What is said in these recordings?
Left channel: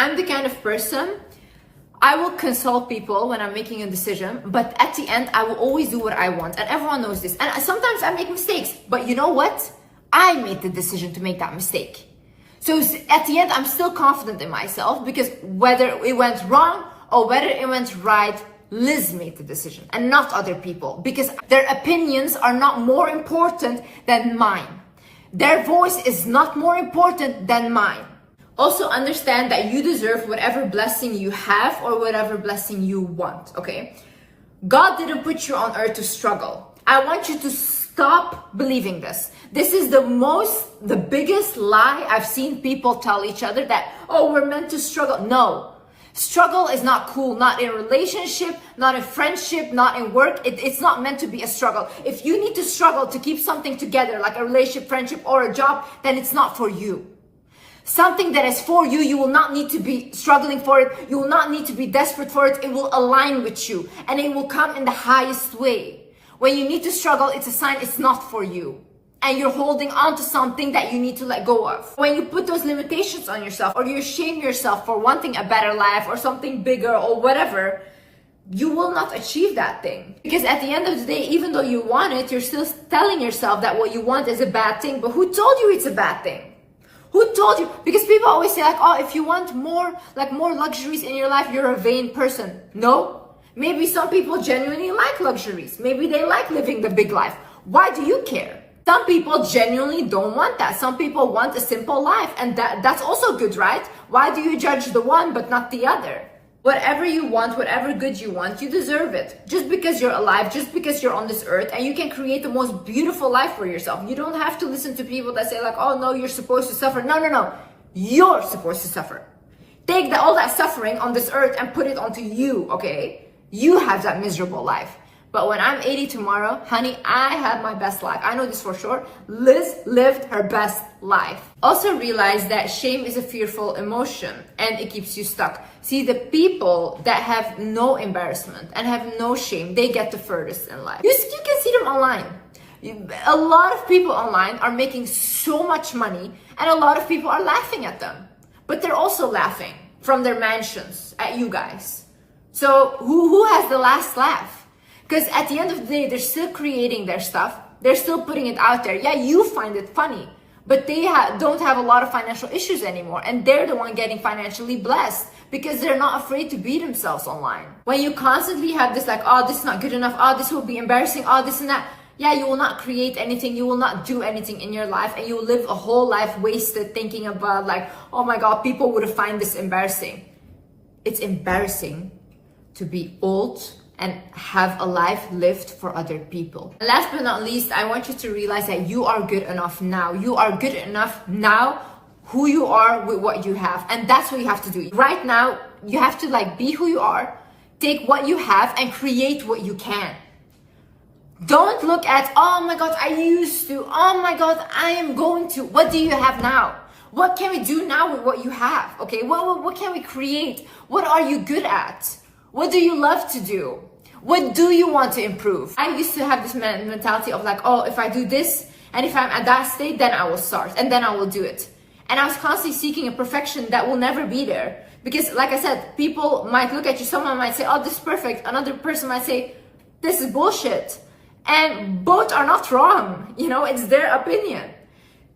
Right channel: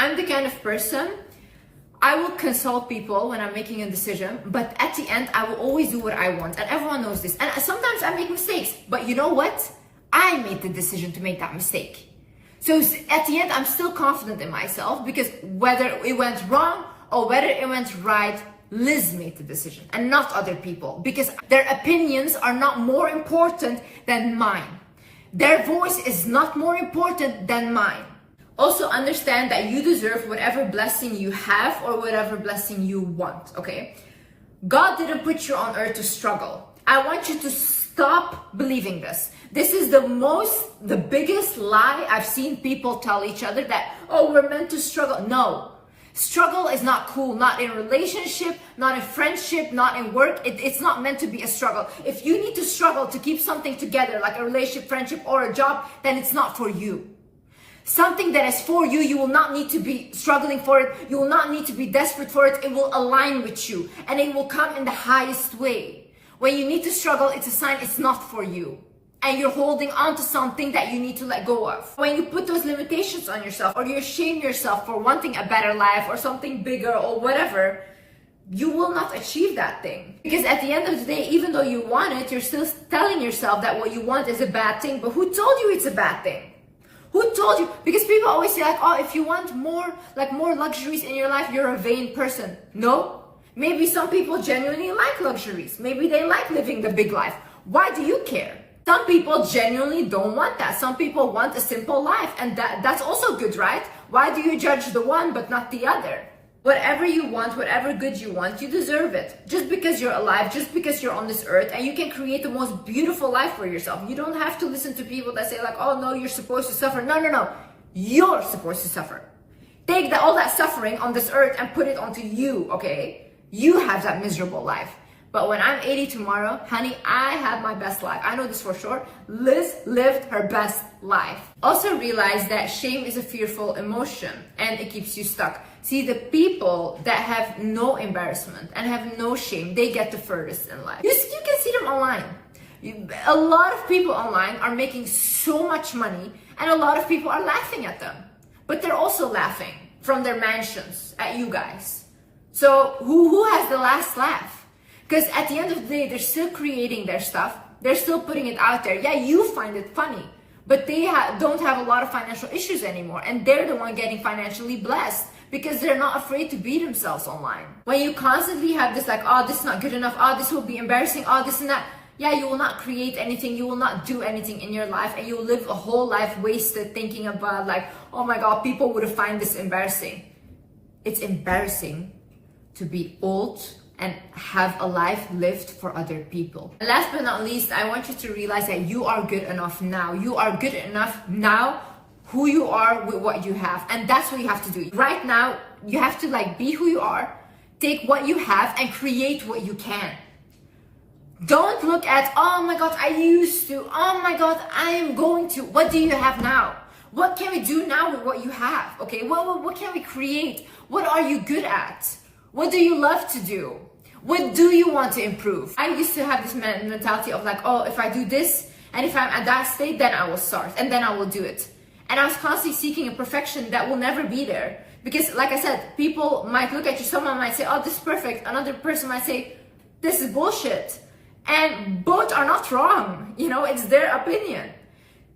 I'm the kind of person, I will consult people when I'm making a decision, but at the end, I will always do what I want. And everyone knows this. And sometimes I make mistakes, but you know what? I made the decision to make that mistake. So at the end, I'm still confident in myself, because whether it went wrong or whether it went right, Liz made the decision and not other people, because their opinions are not more important than mine. Their voice is not more important than mine. Also understand that you deserve whatever blessing you have or whatever blessing you want, okay? God didn't put you on earth to struggle. I want you to stop believing this. This is the biggest lie I've seen people tell each other, that, oh, we're meant to struggle. No, struggle is not cool, not in relationship, not in friendship, not in work. It's not meant to be a struggle. If you need to struggle to keep something together, like a relationship, friendship, or a job, then it's not for you. Something that is for you, you will not need to be struggling for it. You will not need to be desperate for it. It will align with you and it will come in the highest way. When you need to struggle, it's a sign it's not for you. And you're holding on to something that you need to let go of. When you put those limitations on yourself, or you shame yourself for wanting a better life or something bigger or whatever, you will not achieve that thing. Because at the end of the day, even though you want it, you're still telling yourself that what you want is a bad thing. But who told you it's a bad thing? Who told you? Because people always say like, oh, if you want more luxuries in your life, you're a vain person. No. Maybe some people genuinely like luxuries. Maybe they like living the big life. Why do you care? Some people genuinely don't want that. Some people want a simple life, and that's also good, right? Why do you judge the one but not the other? Whatever you want, whatever good you want, you deserve it. Just because you're alive, just because you're on this earth, and you can create the most beautiful life for yourself. You don't have to listen to people that say like, oh no, you're supposed to suffer. No. You're supposed to suffer. Take all that suffering on this earth and put it onto you, okay? You have that miserable life. But when I'm 80 tomorrow, honey, I had my best life. I know this for sure. Liz lived her best life. Also realize that shame is a fearful emotion and it keeps you stuck. See, the people that have no embarrassment and have no shame, they get the furthest in life. You can see them online. A lot of people online are making so much money and a lot of people are laughing at them. But they're also laughing from their mansions at you guys. So who has the last laugh? Because at the end of the day, they're still creating their stuff. They're still putting it out there. Yeah, you find it funny, but they don't have a lot of financial issues anymore. And they're the one getting financially blessed because they're not afraid to be themselves online. When you constantly have this like, oh, this is not good enough. Oh, this will be embarrassing. Oh, this and that. Yeah, you will not create anything. You will not do anything in your life. And you will live a whole life wasted thinking about like, oh my God, people would find this embarrassing. It's embarrassing to be old and have a life lived for other people. And last but not least, I want you to realize that you are good enough now. You are good enough now, who you are with what you have. And that's what you have to do. Right now, you have to like be who you are, take what you have and create what you can. Don't look at, oh my God, I used to, oh my God, I am going to. What do you have now? What can we do now with what you have? Okay, what can we create? What are you good at? What do you love to do? What do you want to improve? I used to have this mentality of like, oh, if I do this and if I'm at that state, then I will start and then I will do it. And I was constantly seeking a perfection that will never be there. Because like I said, people might look at you, someone might say, oh, this is perfect. Another person might say, this is bullshit. And both are not wrong. You know, it's their opinion.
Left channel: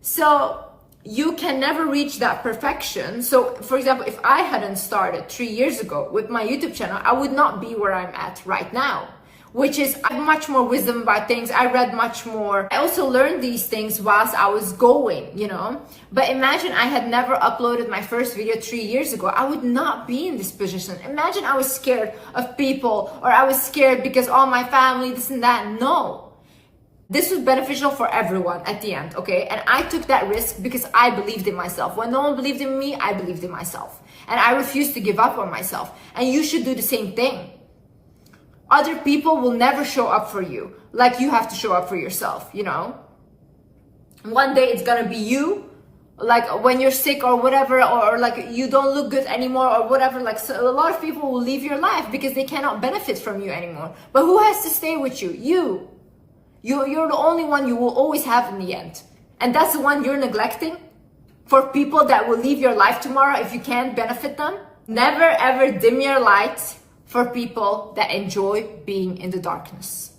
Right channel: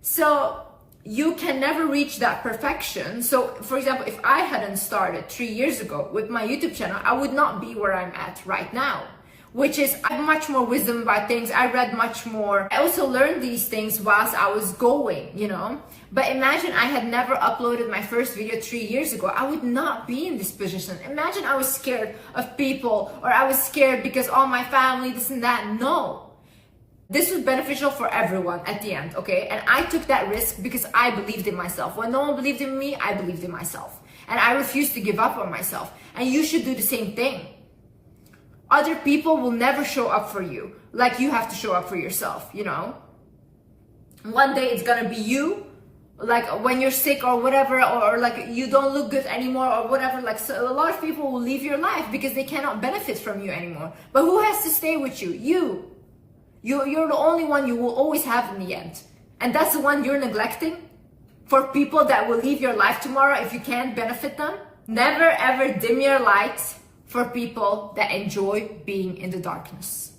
So you can never reach that perfection. So for example, if I hadn't started 3 years ago with my YouTube channel, I would not be where I'm at right now, which is I have much more wisdom about things. I read much more. I also learned these things whilst I was going, you know. But imagine I had never uploaded my first video 3 years ago. I would not be in this position. Imagine I was scared of people, or I was scared because all my family, this and that. No. This was beneficial for everyone at the end, okay? And I took that risk because I believed in myself. When no one believed in me, I believed in myself. And I refused to give up on myself. And you should do the same thing. Other people will never show up for you like you have to show up for yourself, you know? One day it's gonna be you, like when you're sick or whatever, or like you don't look good anymore or whatever. Like, so a lot of people will leave your life because they cannot benefit from you anymore. But who has to stay with you? You. You're the only one you will always have in the end. And that's the one you're neglecting. for people that will leave your life tomorrow if you can't benefit them. Never ever dim your light for people that enjoy being in the darkness.